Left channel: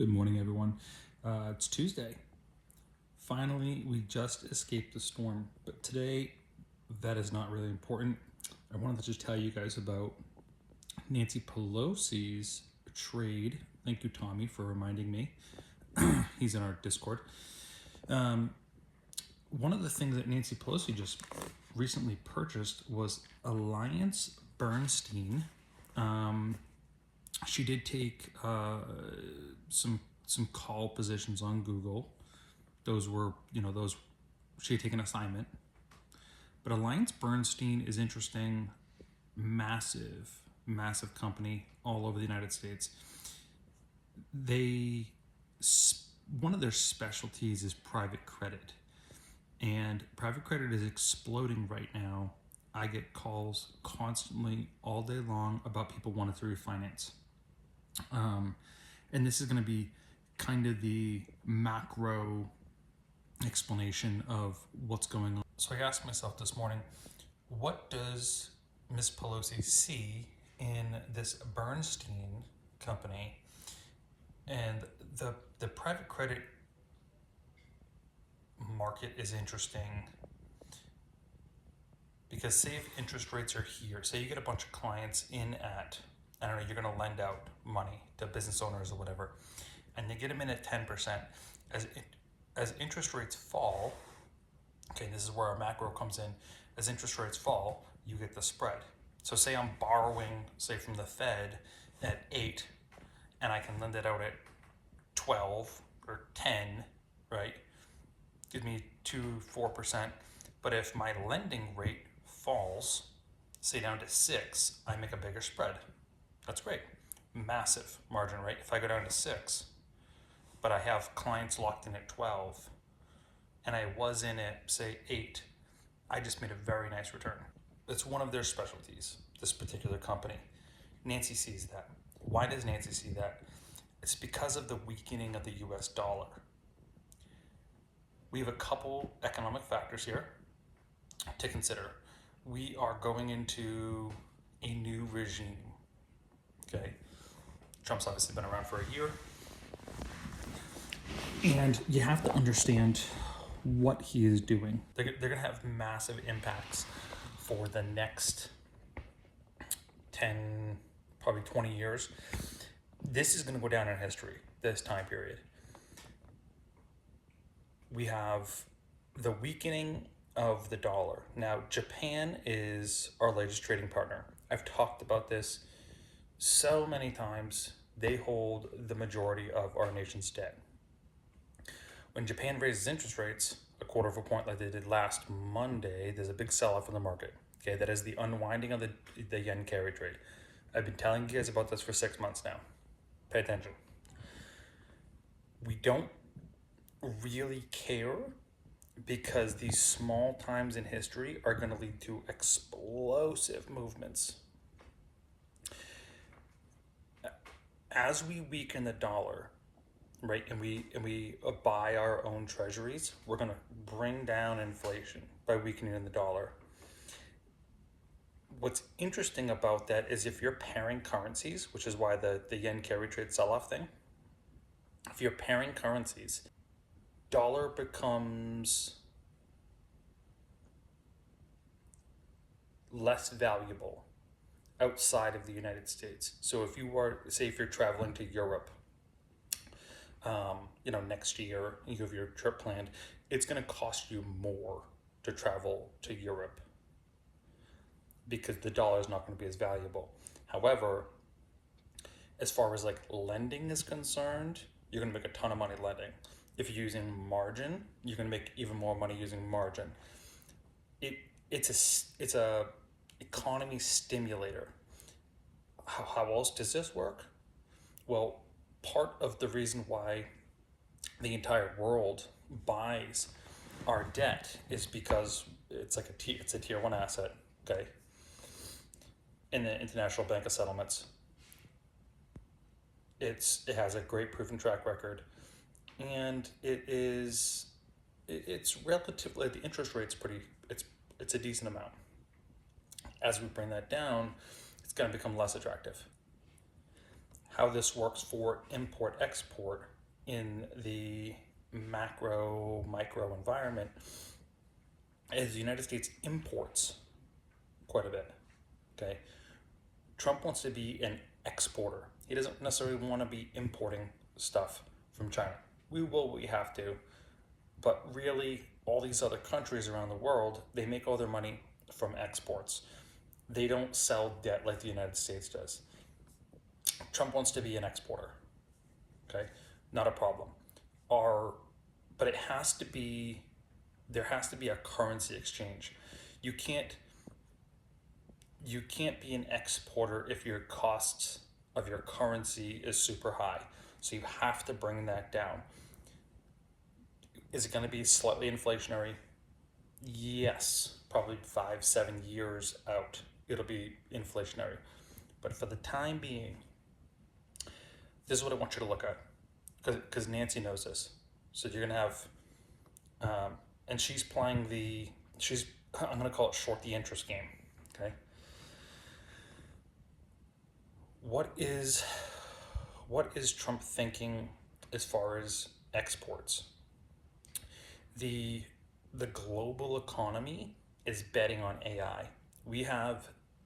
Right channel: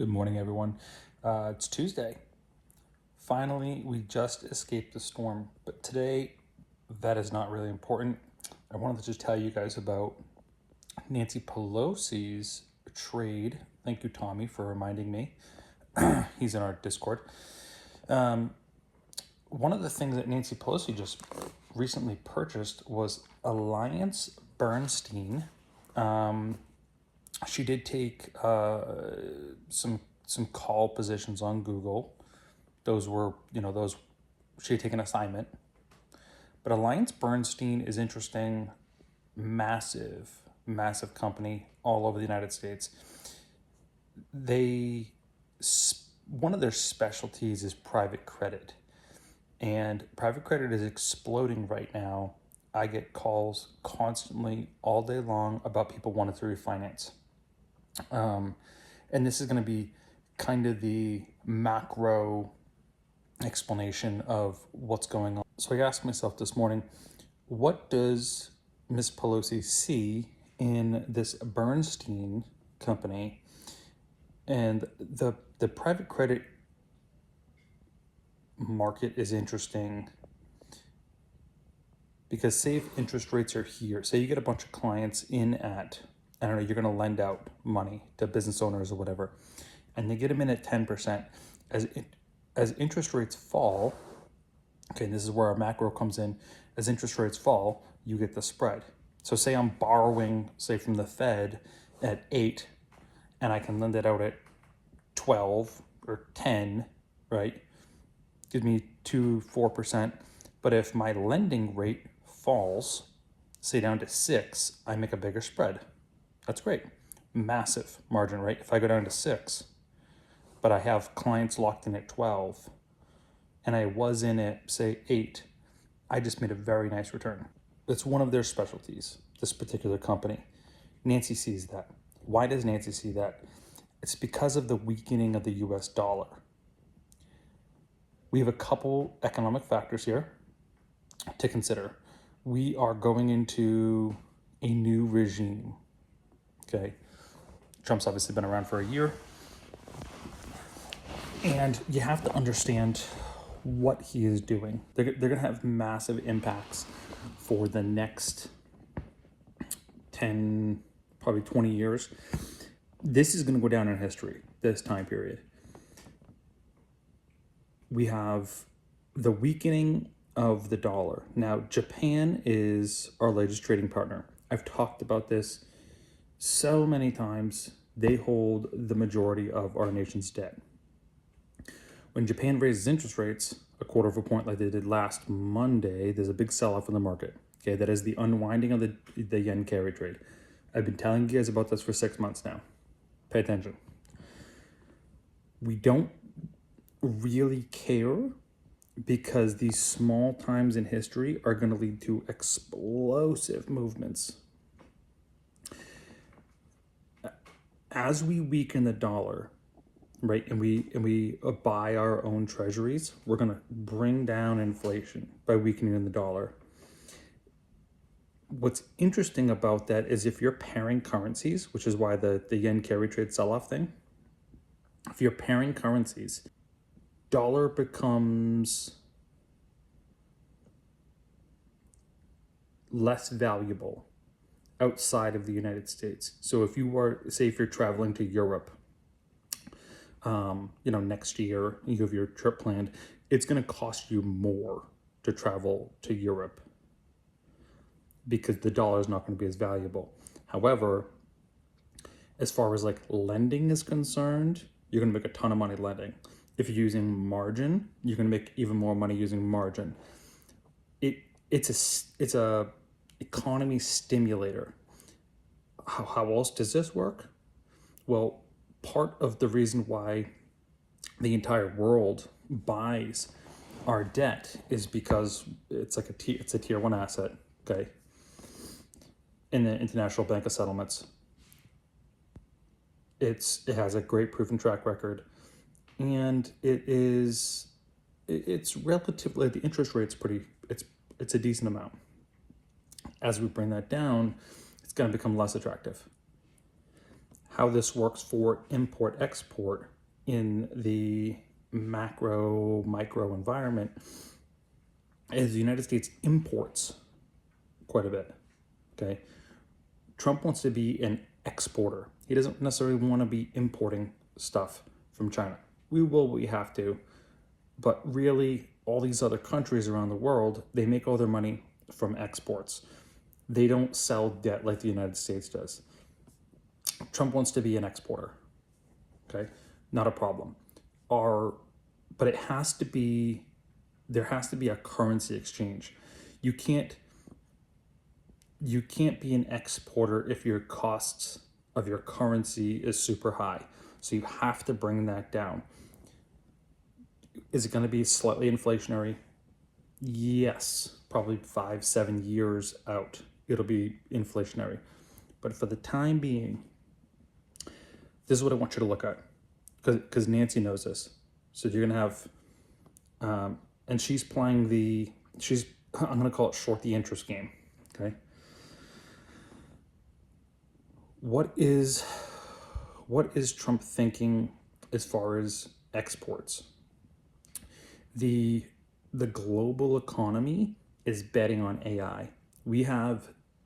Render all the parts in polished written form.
Good morning, everyone. It's Tuesday. Finally, we just escaped the storm, but today that is not really important. I wanted to just tell you guys about Nancy Pelosi's trade. Thank you, Tommy, for reminding me. He's in our Discord. One of the things that Nancy Pelosi just recently purchased was Alliance Bernstein. She did take some call positions on Google. Those were, she had taken an assignment. But Alliance Bernstein is interesting, massive company all over the United States. One of their specialties is private credit. And private credit is exploding right now. I get calls constantly all day long about people wanting to refinance. And this is going to be kind of the macro explanation of what's going on. So I asked myself this morning, what does Ms. Pelosi see in this Bernstein company? And the private credit market is interesting because say if interest rates are here, say you get a bunch of clients in at, I don't know, you're going to lend out money to business owners or whatever, and they get them in at 10%. As interest rates fall, okay, this is where our macro comes in. As interest rates fall, you get the spread. So say I'm borrowing, say from the Fed at 8, and I can lend it out at 12 or 10, right? Gives me 4%. But if my lending rate falls, say down to 6, I make a bigger spread. That's great. Massive margin, right? If I go down to 6, but I have clients locked in at 12, and I was in at, say, 8, I just made a very nice return. It's one of their specialties, this particular company. Nancy sees that. Why does Nancy see that? It's because of the weakening of the US dollar. We have a couple economic factors here to consider. We are going into a new regime. Okay, Trump's obviously been around for a year. And you have to understand what he is doing. They're going to have massive impacts for the next 10, probably 20 years. This is going to go down in history, this time period. We have the weakening of the dollar. Now, Japan is our largest trading partner. I've talked about this so many times. They hold the majority of our nation's debt. When Japan raises interest rates a quarter of a point like they did last Monday, there's a big sell-off in the market. Okay, that is the unwinding of the yen carry trade. I've been telling you guys about this for 6 months now. Pay attention. We don't really care because these small times in history are going to lead to explosive movements. As we weaken the dollar, right, and we buy our own treasuries, we're going to bring down inflation by weakening the dollar. What's interesting about that is if you're pairing currencies, which is why the yen carry trade sell-off thing, if you're pairing currencies, dollar becomes less valuable outside of the United States. So if you were, say if you're traveling to Europe, next year, you have your trip planned, it's going to cost you more to travel to Europe because the dollar is not going to be as valuable. However, as far as like lending is concerned, you're going to make a ton of money lending. If you're using margin, you're going to make even more money using margin. It's a economy stimulator. How else does this work? Well, part of the reason why the entire world buys our debt is because it's like it's a tier 1 asset, okay? In the International Bank of Settlements, it has a great proven track record, and it's relatively, the interest rate's it's a decent amount. As we bring that down, it's going to become less attractive. how this works for import-export in the macro, micro environment is the United States imports quite a bit, okay? Trump wants to be an exporter. He doesn't necessarily want to be importing stuff from China. We will, we have to, but really all these other countries around the world, they make all their money from exports. They don't sell debt like the United States does. Trump wants to be an exporter, okay? Not a problem. But it has to be, there has to be a currency exchange. You can't be an exporter if your costs of your currency is super high. So you have to bring that down. Is it going to be slightly inflationary? Yes, probably 5-7 years out, it'll be inflationary. But for the time being, this is what I want you to look at, because Nancy knows this. So you're going to have, and she's playing I'm going to call it short the interest game, okay? What is Trump thinking as far as exports? The global economy is betting on AI. We have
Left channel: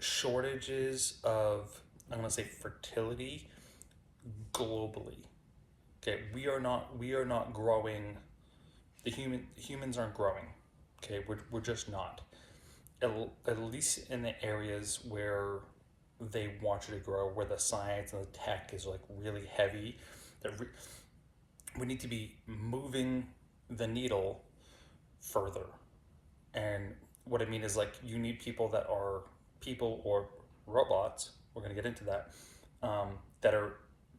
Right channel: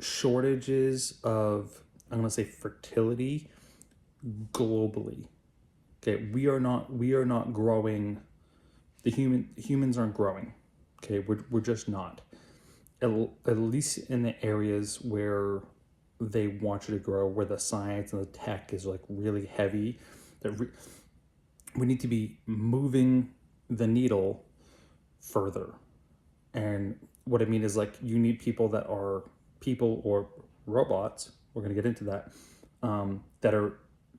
shortages of, I'm going to say, fertility globally. Okay, we are not growing. Humans aren't growing. Okay, we're just not. At least in the areas where they want you to grow, where the science and the tech is like really heavy, we need to be moving the needle further. And what I mean is, like, you need people that are people or robots, we're going to get into that, that are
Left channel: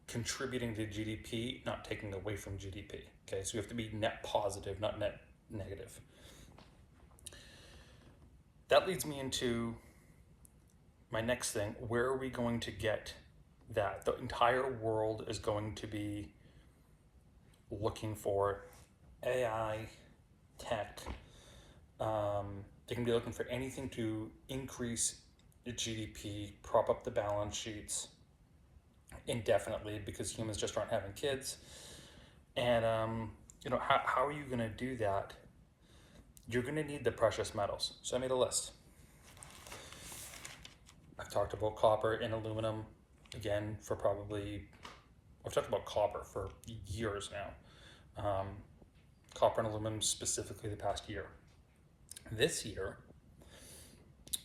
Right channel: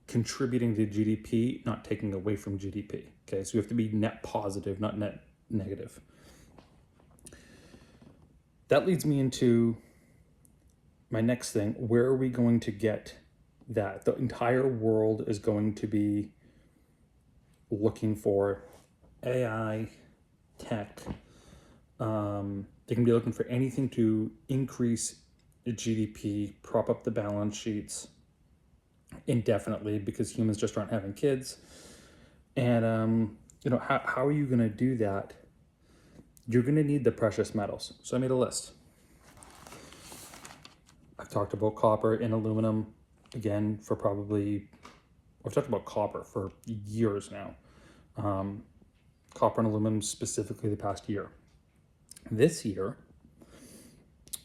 contributing to GDP, not taking away from GDP. Okay, so you have to be net positive, not net negative. That leads me into my next thing. Where are we going to get that? The entire world is going to be looking for AI, tech. They can be looking for anything to increase GDP, prop up the balance sheets indefinitely, because humans just aren't having kids. And how are you going to do that? You're going to need the precious metals. So I made a list. I've talked about copper and aluminum again for I've talked about copper for years now. Copper and aluminum specifically the past year. This year,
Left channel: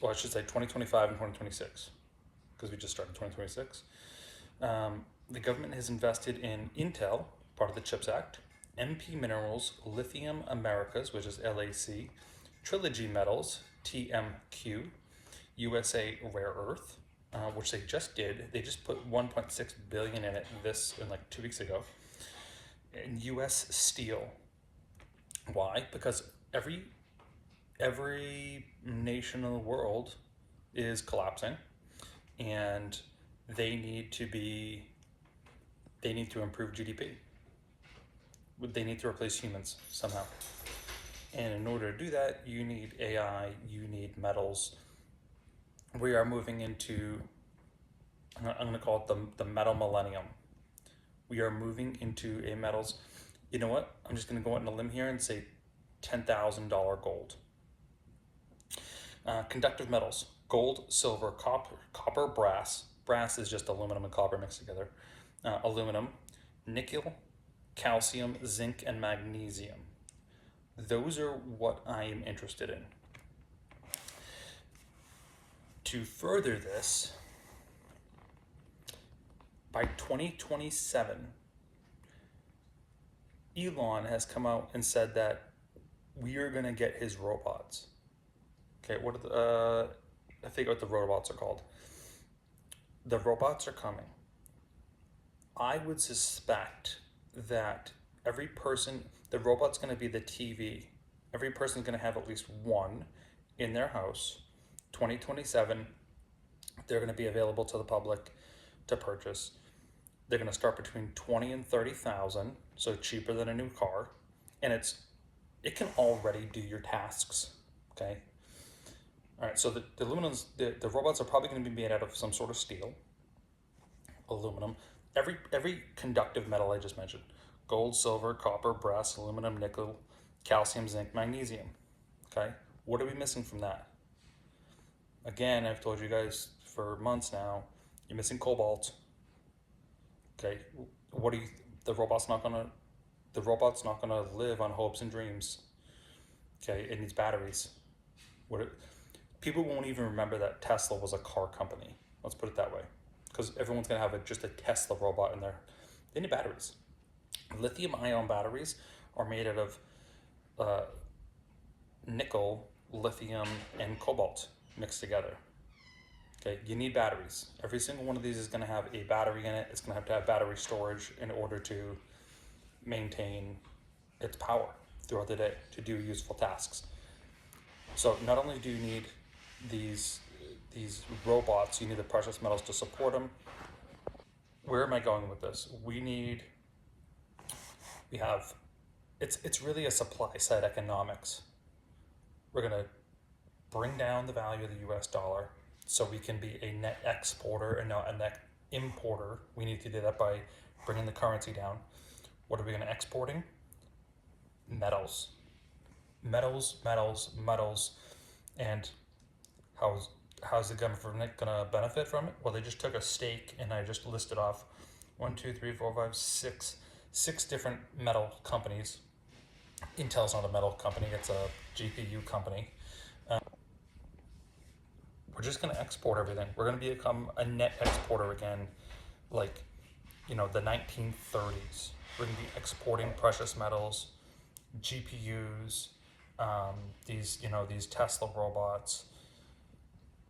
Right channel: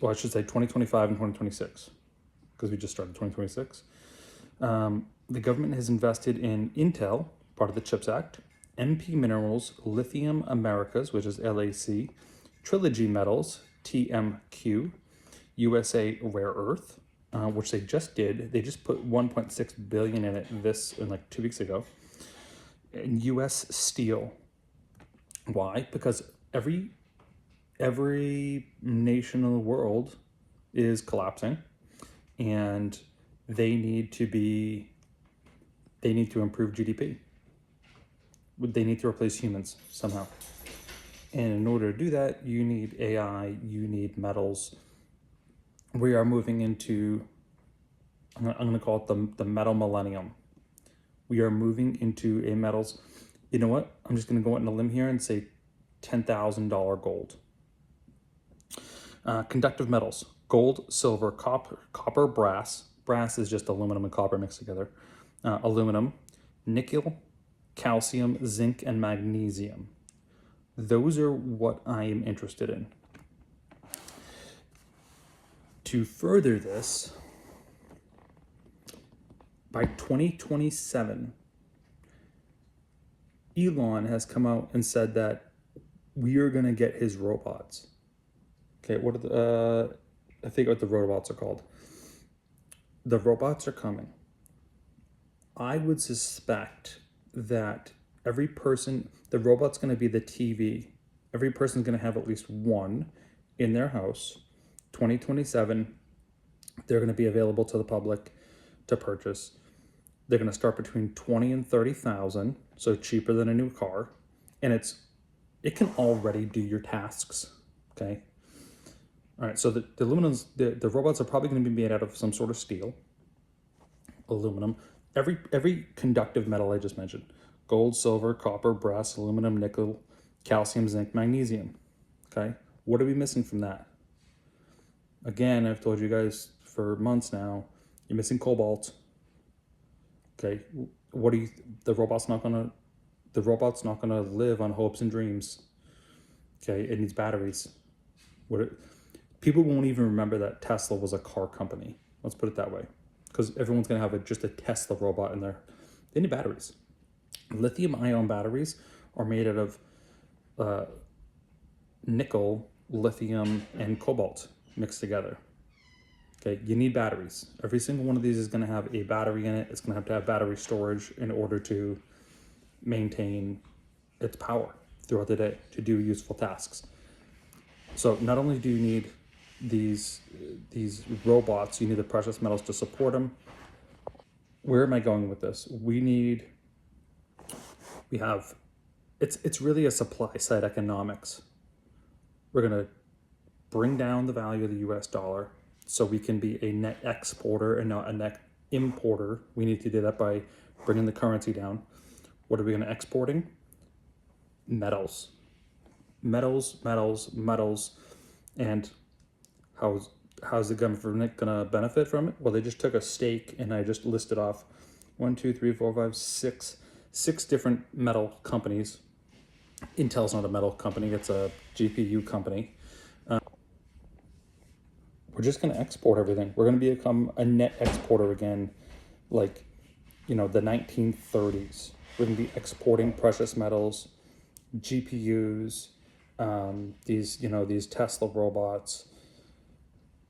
well, I should say 2025 and 2026, because we just started 2026. The government has invested in Intel, part of the CHIPS Act, MP Minerals, Lithium Americas, which is LAC, Trilogy Metals, TMQ, USA Rare Earth, which they just did. They just put 1.6 billion in it like 2 weeks ago. And US Steel. Why? Because every nation in the world is collapsing, and they need to improve GDP. They need to replace humans somehow. And in order to do that, you need AI, you need metals. We are moving into, I'm going to call it the metal millennium. We are moving into a metals, you know what? I'm just going to go out on a limb here and say $10,000 gold. Conductive metals, gold, silver, copper, brass. Brass is just aluminum and copper mixed together. Aluminum, nickel, calcium, zinc, and magnesium. Those are what I am interested in. To further this, by 2027, Elon has come out and said that we are going to get his robots. Okay, what are I forget what the robots are called. The robots are coming. I would suspect that the robot's going to be the TV. Every person's going to have at least one in their house. 2027, they're going to be available to the public to purchase. They're going to start between 20 and 30,000, so cheaper than a new car, and it can already do your tasks. Okay. All right. So the robots are probably going to be made out of some sort of steel, aluminum. every conductive metal I just mentioned: gold, silver, copper, brass, aluminum, nickel, calcium, zinc, magnesium. Okay, what are we missing from that? Again, I've told you guys for months now, you're missing cobalt. Okay, what do you? The robot's not gonna live on hopes and dreams. Okay, it needs batteries. People won't even remember that Tesla was a car company. Let's put it that way, because everyone's gonna have just a Tesla robot in there. They need batteries. Lithium-ion batteries are made out of nickel, lithium, and cobalt mixed together. Okay, you need batteries. Every single one of these is going to have a battery in it. It's going to have battery storage in order to maintain its power throughout the day to do useful tasks. So not only do you need these robots, you need the precious metals to support them. Where am I going with this? It's really a supply side economics. We're going to bring down the value of the US dollar so we can be a net exporter and not a net importer. We need to do that by bringing the currency down. What are we going to exporting? Metals. Metals. And how's the government going to benefit from it? Well, they just took a stake, and I just listed off 1, 2, 3, 4, 5, 6 different metal companies. Intel's not a metal company, it's a GPU company. We're just going to export everything. We're going to become a net exporter again, like, the 1930s. We're going to be exporting precious metals, GPUs, these Tesla robots,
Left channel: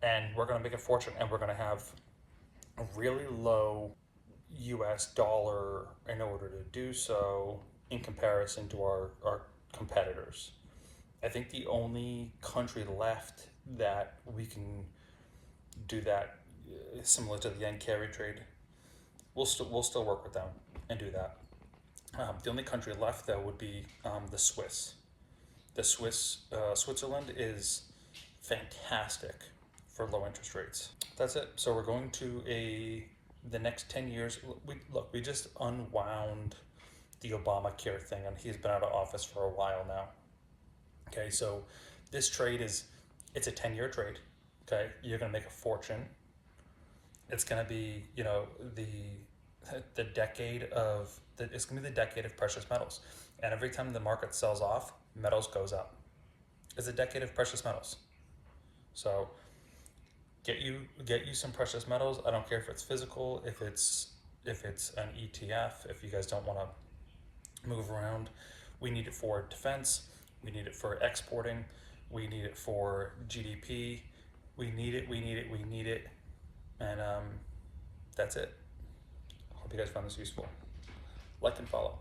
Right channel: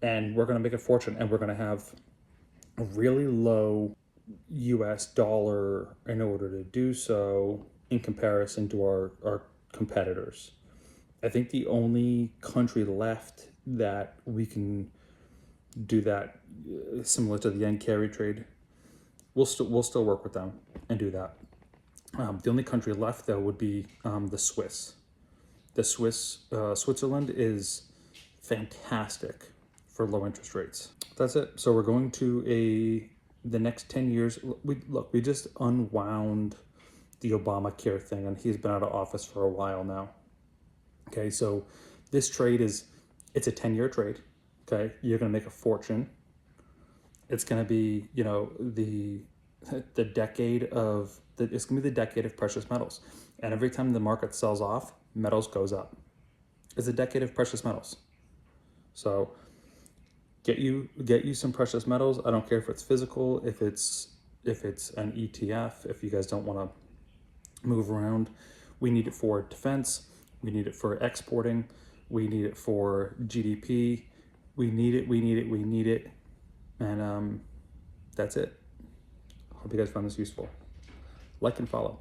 and we're going to make a fortune. And we're going to have a really low US dollar in order to do so in comparison to our competitors. I think the only country left that we can do that similar to the yen carry trade, we'll still work with them and do that. The only country left though would be the Swiss. Switzerland is fantastic for low interest rates. That's it. So we're going to the next 10 years. We just unwound the Obamacare thing, and he's been out of office for a while now. Okay, so this trade it's a 10-year trade. Okay, you're gonna make a fortune. It's gonna be, the decade of it's gonna be the decade of precious metals. And every time the market sells off, metals goes up. It's a decade of precious metals. So get you some precious metals. I don't care if it's physical, if it's an ETF, if you guys don't want to move around. We need it for defense. We need it for exporting. We need it for GDP. We need it. And that's it. Hope you guys found this useful. Like and follow.